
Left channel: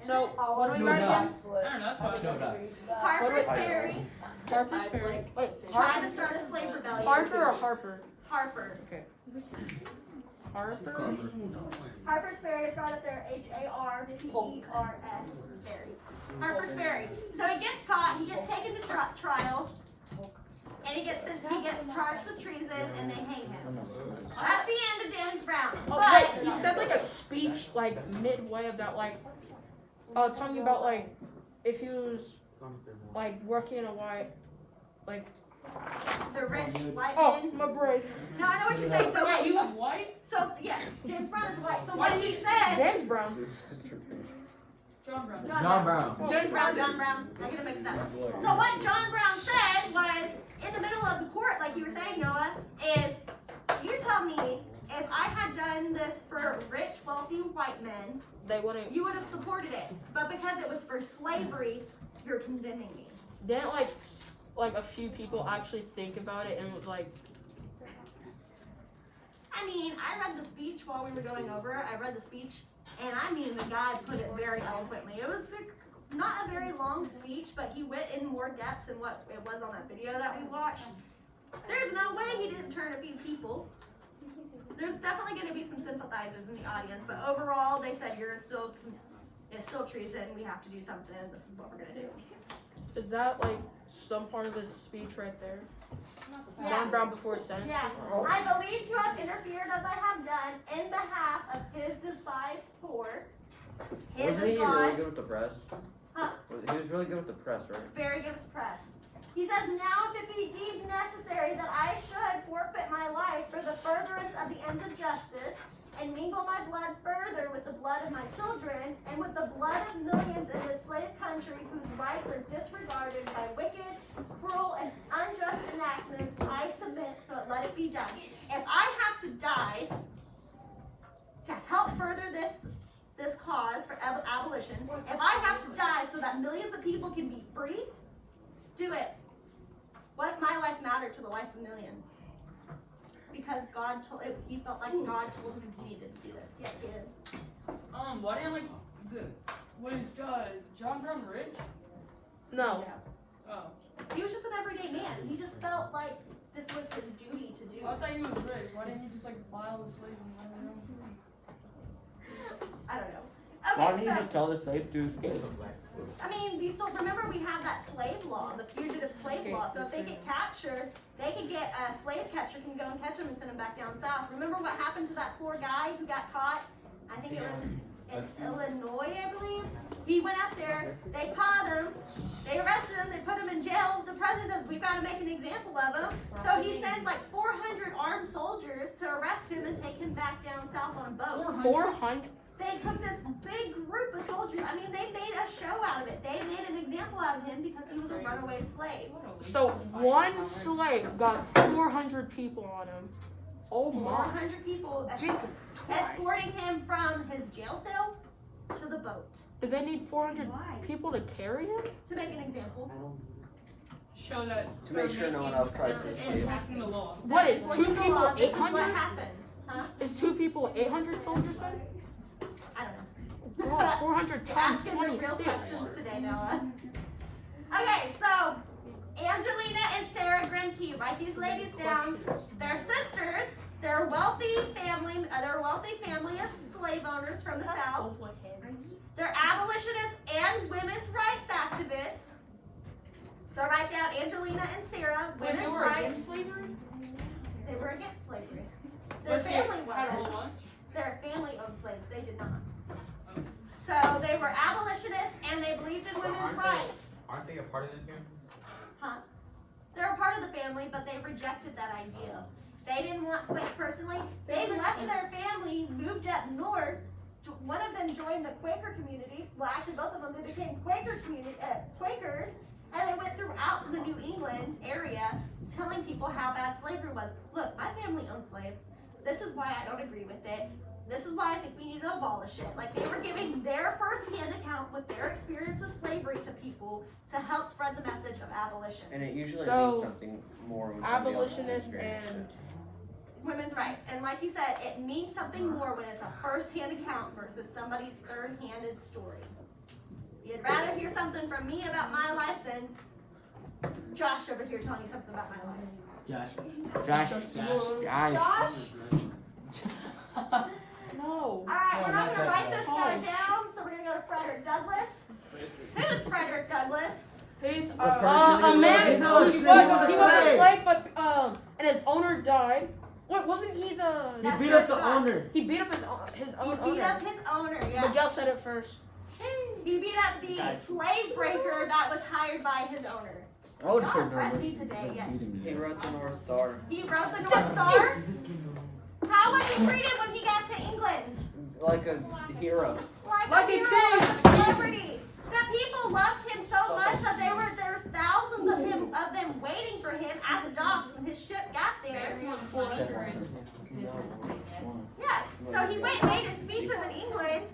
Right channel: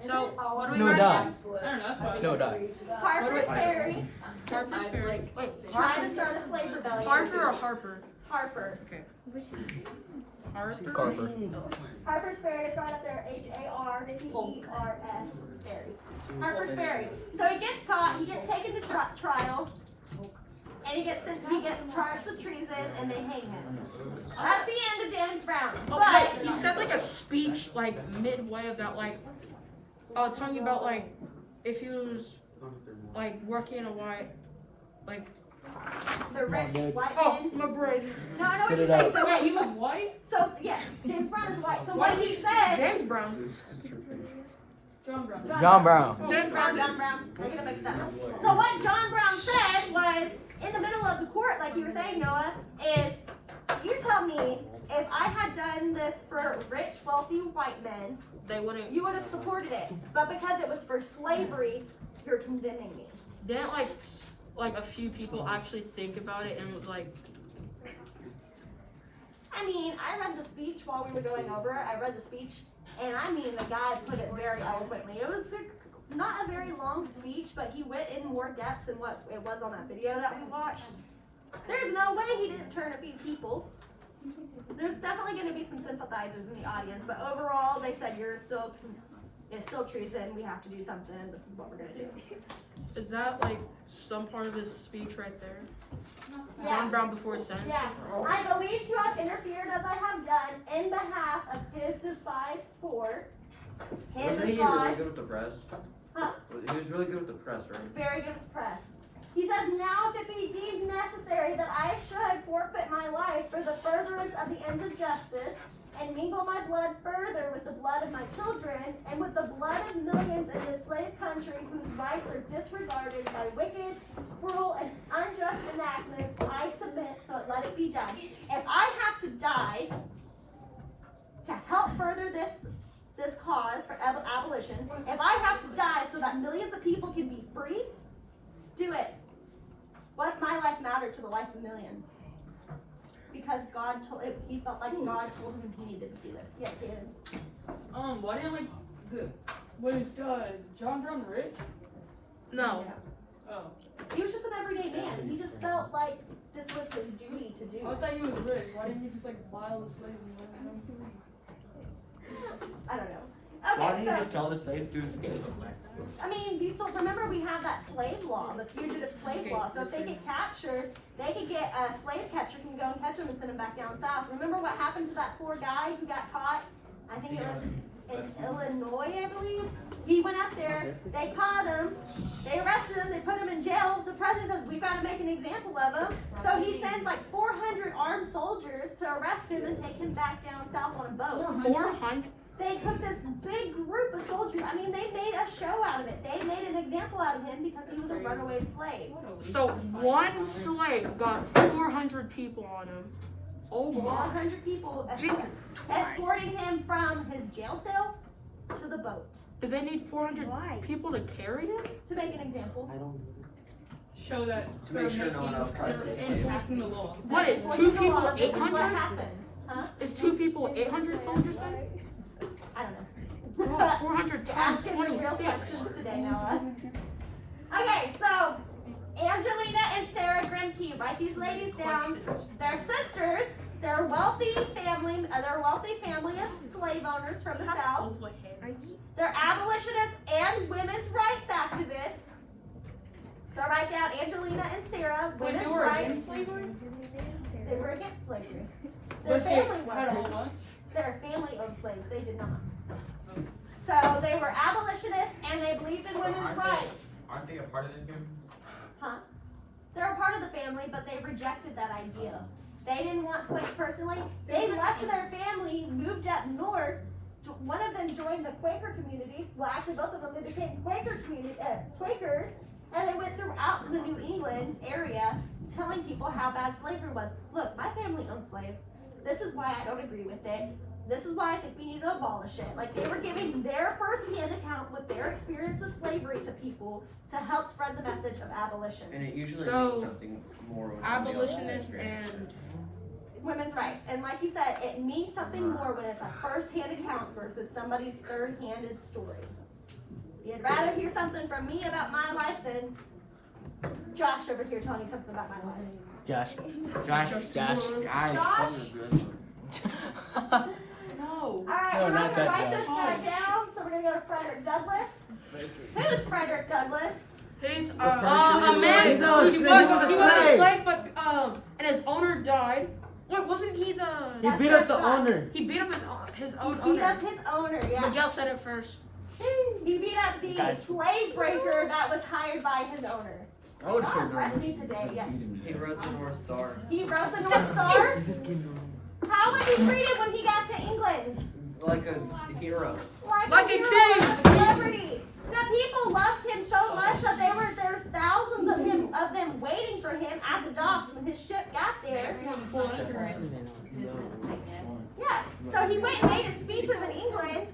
So, what do we No write die. down? I don't know, that's fine. No die. Harper's Ferry Harper's Ferry. Wait, tried to start a slave rebellion. Harper or Harper? Harper. Harper. Harper. Harper's Ferry is right up there, Harpers, Ferry. Harper's Ferry. So he gets caught, he gets taken to trial, and he gets charged with treason, and they hang him. That's the end of James Brown. But But he said like a speech like midway about like talking about like if he was like working in a white like the rich white oh man. my brain. No, I know what Spit you're it saying. out. So Wait, he was white? So yes, James Brown is white. So what he said. James Brown. John Brown. John Brown. James Brown, John Brown. I get it mixed up. So what John Brown said was, in the middle of the court, like you were saying, Noah, is, you tell me, if I had done this for rich, wealthy white men, They wouldn't. you would have supported it. But because it was for slavery, you're condemning me. Didn't like a few people actually think about it and was like, I mean, I read the speech while we were going over it. I read the speech, and I mean, the guy put it very eloquently. It was not a very long speech, but he went in more depth than what it was on that video that we watched. There's no way he didn't turn a few people. There's definitely going to be some sympathizers in the audience, but overall, they said it's still treason. We have to do something. This is what we're going to do. Is that like some part of this speech right there? Yeah. John Brown before his sentence? Yeah, I believe to have interfered as I have done in behalf of his despised poor. His Wasn't he is really God. good with the press? Huh? He was really good with the press, right? Very good with the press. He says, now if it be deemed necessary that I should forfeit my life for the furtherance of the ends of justice, and mingle my blood further with the blood of my children, and with the blood of millions in this slave country whose rights are disregarded by wicked, cruel, and unjust enactments, I submit, so let it be done. If I have to die to help further this cause for abolition, if I have to die so that millions of people can be free, do it. What's my life matter to the life of millions? Because God told it, he felt like God told him he needed to do this. Yes, he did. Why didn't was John Brown rich? No. Oh, He was just an everyday man. He just felt like this was his duty to do. I thought he was rich. Why didn't you just like buy all the slaves and let them? I don't know. Why Okay, didn't you so just tell the slaves to escape? I mean, you still remember we have that slave law, the fugitive slave law. So if they get captured, they could get a slave catcher can go and catch them and send them back down south. Remember what happened to that poor guy who got caught? I think it was in Illinois, I believe. He went up there, they caught him, they arrested him, they put him in jail. The president says, we've got to make an example of him. So he sends like 400 armed soldiers to arrest him and take him back down south on a boat. 400? They took this big group of soldiers. I mean, they made a show out of it. They made an example out of him because he was a runaway slave. So one slave got 400 people on him. Oh my. 400 people escorting him from his jail cell to the boat Did they need 400 people to carry him? to make an example. Show that. To make sure no one else tries to escape. Enforcing the law. What is Enforcing 2 the people law, this is what 800? happens. Huh? Is 2 people 800 soldiers then? I don't know. Oh, 400 You're times asking the real 26. questions today, Noah. Okay, so Angelina and Sarah Grimke, write these ladies down. They're sisters. They're a wealthy family of slave owners from the South. They're abolitionists and women's rights activists. So write down Angelina and Sarah, When they women's were rights. against slavery? They were against slavery. Their But they family had a wasn't. whole bunch? Their family owned slaves. They did not. Oh. So they were abolitionists and they believed in women's rights. Aren't they a part of the family? Huh? They're a part of the family, but they rejected that idea. They didn't want slaves personally. They left their family, moved up north. One of them joined the Quaker community. Well, actually, both of them, they became Quakers, and they went throughout the New England area telling people how bad slavery was. Look, my family owned slaves. This is why I don't agree with it. This is why I think we need to abolish it. Like, they were giving their first-hand account with their experience with slavery to people to help spread the message of abolition. And it usually So, means something more when somebody else Abolitionists experiences and Women's rights. And like you said, it means something more when it's a first-hand account versus somebody's third-handed story. You'd rather hear something from me about my life than Josh over here telling you something about my life. Josh. All right, No, we're not not gonna that write this Josh. guy down, so we're gonna go to Frederick Douglass. Who's Frederick Douglass? he's person a who man. was He a was a slave. slave, but and his owner died. Wait, wasn't he the? He That's beat what up the it's got. owner. He beat up his He own beat owner. up his owner, yeah. Miguel said it first. He beat up the slave breaker that was hired by his owner. I would Y'all sure impressed do me this. today, yes. He wrote the North Star. He wrote the North Star. How was he treated when he got to England? Like a hero. Like a hero, like a celebrity. The people loved him so much that there was thousands of them waiting for him at the docks when his ship got there. Yeah. So he went and made his speeches in England.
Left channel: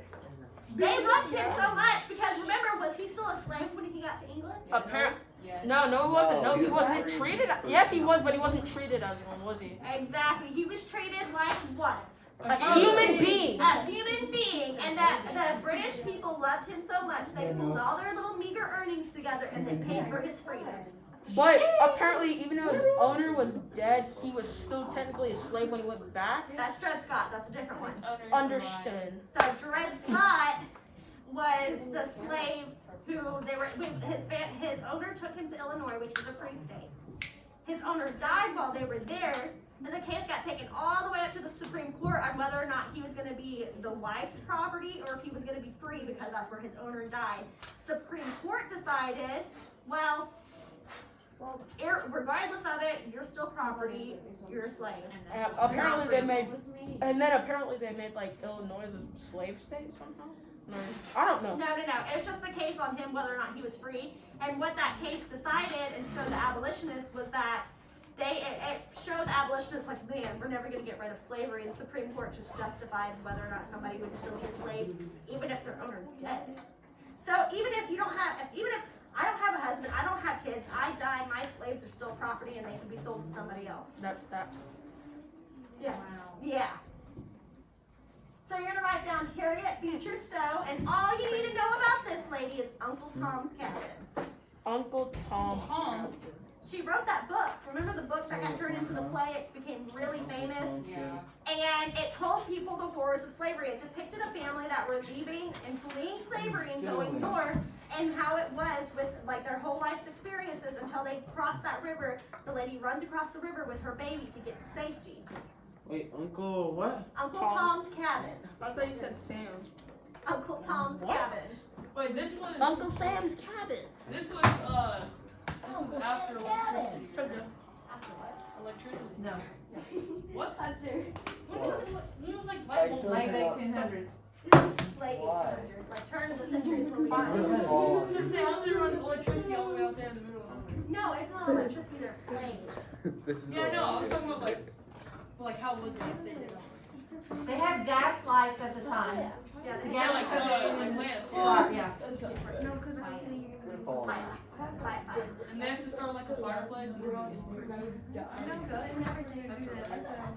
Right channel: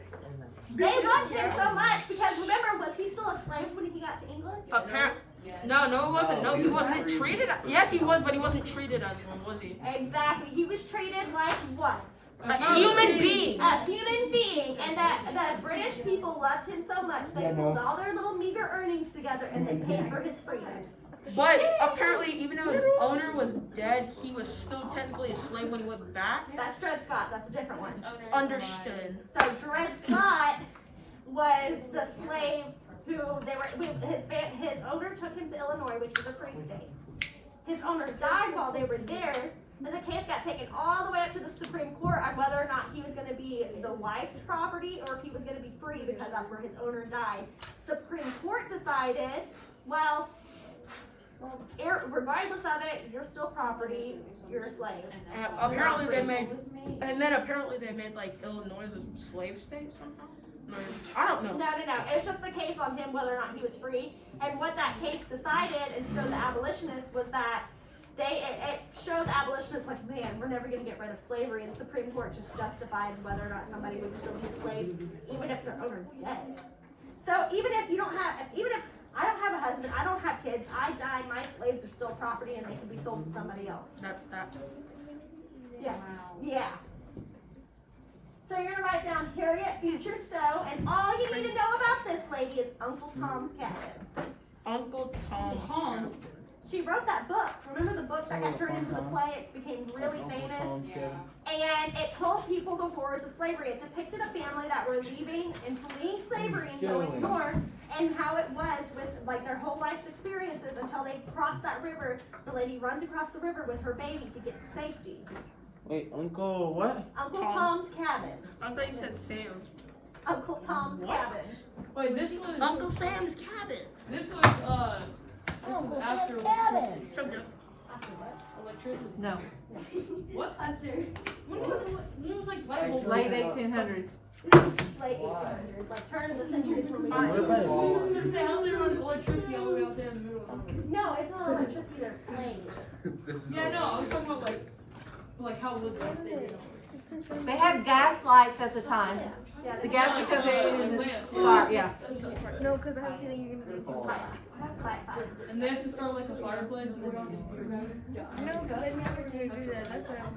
They loved him so much because remember, was he still a slave when he got to England? Apparently, no, he wasn't. No, No, he he was wasn't free. treated. Yes, he was, but he wasn't treated as one, was he? Exactly. He was treated like what? A human being. A human being, and that the British people loved him so much they pulled all their little meager earnings together and they paid for his freedom. But apparently, even though his owner was dead, he was still technically a slave when he went back. That's Dred Scott, that's a different one. Understood. So Dred Scott was the slave who his owner took him to Illinois, which was a free state. His owner died while they were there, and the case got taken all the way up to the Supreme Court on whether or not he was going to be the wife's property or if he was going to be free, because that's where his owner died. Supreme Court decided, well, regardless of it, you're still property, you're a slave. Apparently they made, and then apparently they made like Illinois a slave state somehow. No, I don't know. No. It's just the case on him whether or not he was free. And what that case decided and showed the abolitionists was that it showed the abolitionists like, man, we're never going to get rid of slavery. And the Supreme Court just justified whether or not somebody would still be a slave, even if their owner's dead. So even if I don't have a husband, I don't have kids, I die, my slaves are still property and they can be sold to somebody else. Yeah. So you're gonna write down Harriet Beecher Stowe, and all you need to know about this lady is Uncle Tom's Cabin. Uncle Tom. She wrote that book. Remember the book that got turned into the play? It became really famous. And it told people the horrors of slavery. It depicted a family that were leaving and fleeing slavery and going north, and how it was with like their whole life's experiences until they crossed that river. The lady runs across the river with her baby to get to safety. Wait, Uncle what? Uncle Tom's Cabin. I thought you said Sam. Uncle Tom's Cabin. Wait, this was Uncle Sam's Cabin. this was after electricity. Electricity. No, What? After. When was like light bulbs? late 1800s. Late 1800s, like turn of the century is when we I got was gonna say, how do they run electricity all the way out there in the middle of nowhere? No, it's not electricity, they're planes. Yeah, no, I was talking about like how would they did it? They had gas lights at the time. Yeah, The they gas Like, would come in and lamp, the fire, yeah. No, because I'm kidding. fire. And they have to start like a fireplace and then No, they never do that. That's how.